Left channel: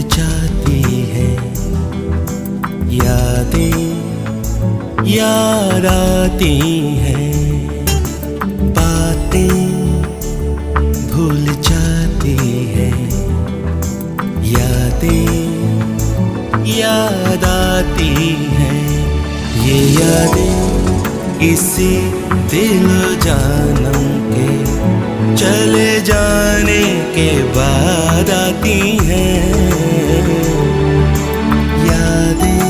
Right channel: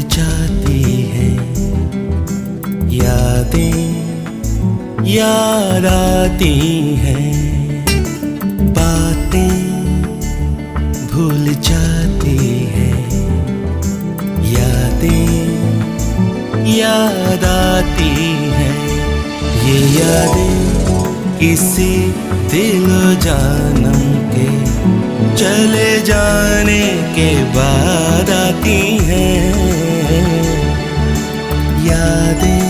जाती है यादें, याद आती हैं बातें, भूल जाती है यादें, याद आती हैं। ये यादें किसी दिल जानम के चले जाने के बाद आती हैं। यादें,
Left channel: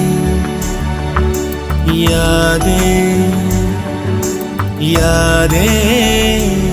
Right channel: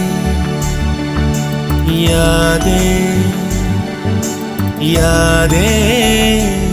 यादें, यादें